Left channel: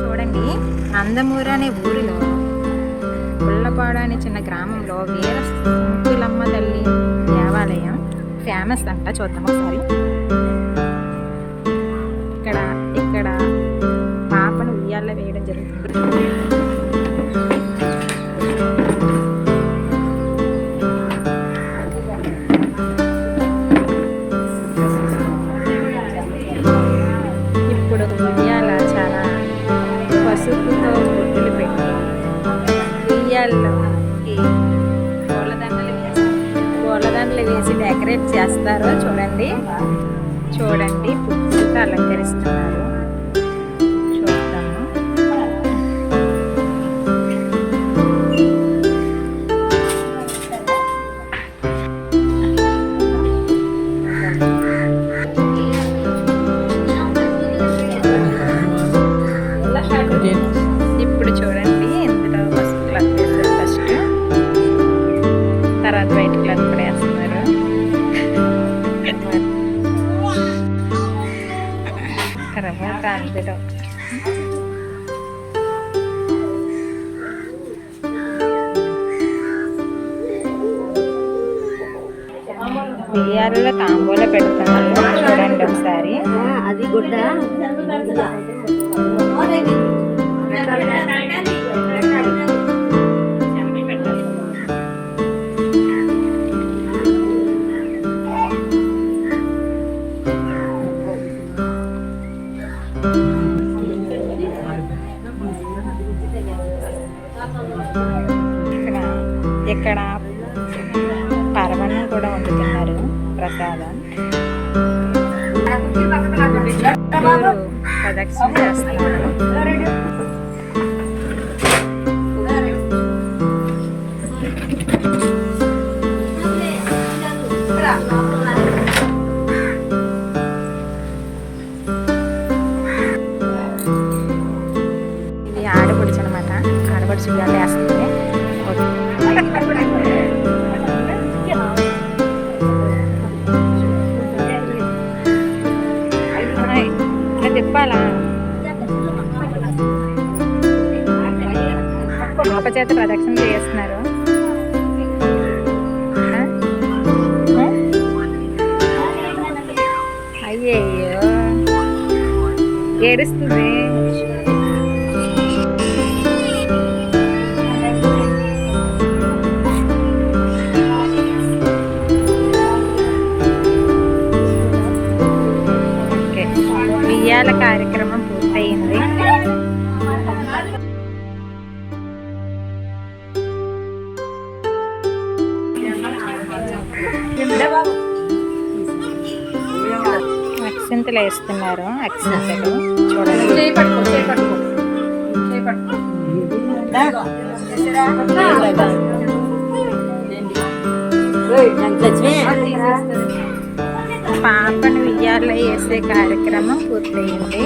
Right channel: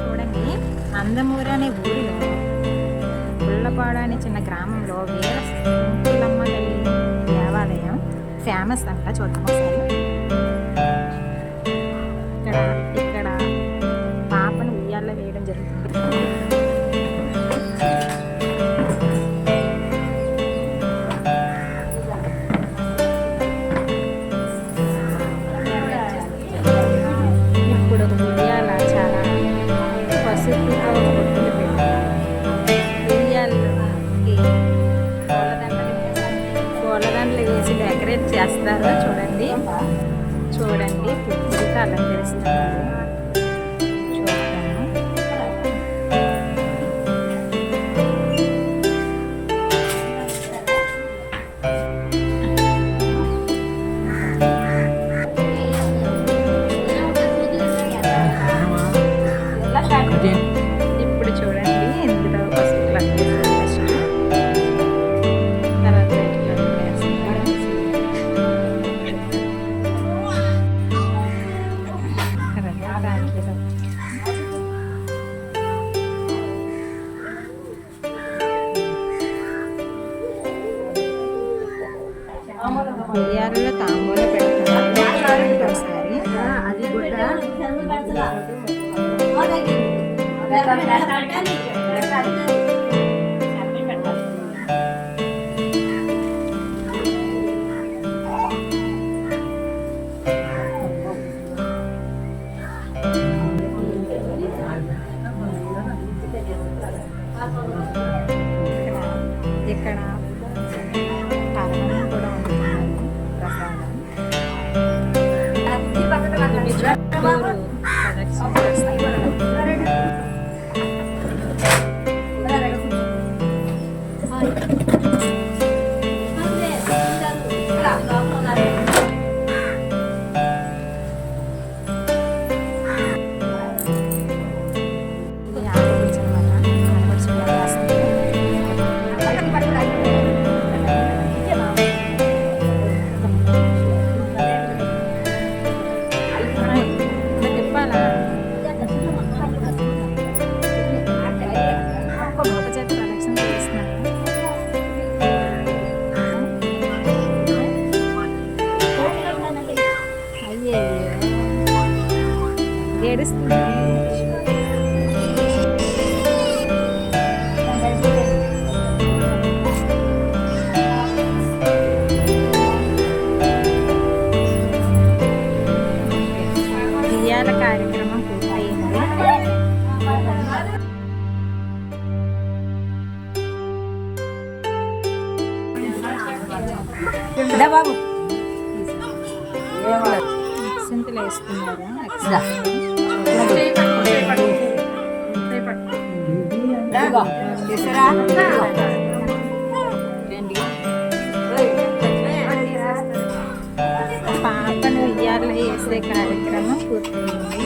చూడండి, అందమూరు అనే ఊరిలో పుల్లపాడు అనే చిన్న గ్రామంలో వీర కుంకులమ్మ తల్లి దేవాలయం ఫేమస్ అంట. చూద్దాం ఒకసారి. ఇక్కడ పాపను ఉయ్యాల్లో వేయడం జరుగుతుంది. ఇప్పుడు ఉయ్యాల చాలా పసుపుతో గుడ్డులు పెట్టి ఉయ్యాల్లోకి పూలదండలు వేసి డెకరేట్ చేస్తారు. చూడండి పువ్వులతో అలంకరిస్తున్నారు. చూద్దాము. ఇప్పుడు చూడండి, ఇందులో పసుపు క్లాత్ వేస్తారు ఫస్ట్, తర్వాత వైట్ క్లాత్ కూడా వేస్తున్నారు. తర్వాత అందులో బియ్యాలలో తాంబూల పెడుతున్నారు. చూడండి ఒకసారి. అది గుడ్డ ఇక్కడ పరమాన్నం కూడా వండుతున్నారు, ప్రసాదం. గుడి చుట్టూరు ప్రదక్షిణ చేస్తున్నారు. ఇది ఆడపడుచు అనమాట. ఆడపడుచు ఉయ్యాల వేస్తుంది. తిప్పాలా? పాప చేత ప్రదక్షిణ చేస్తున్నారు. అయ్యయ్యో, ఏడుస్తుంది. ఉయ్యాల కార్యక్రమం పూర్తయింది. అక్షింతలు వేస్తున్నారు. అక్షింతలు చూడండి. పాపను ఉయ్యాల్లో వేసే కార్యక్రమం పూర్తయింది.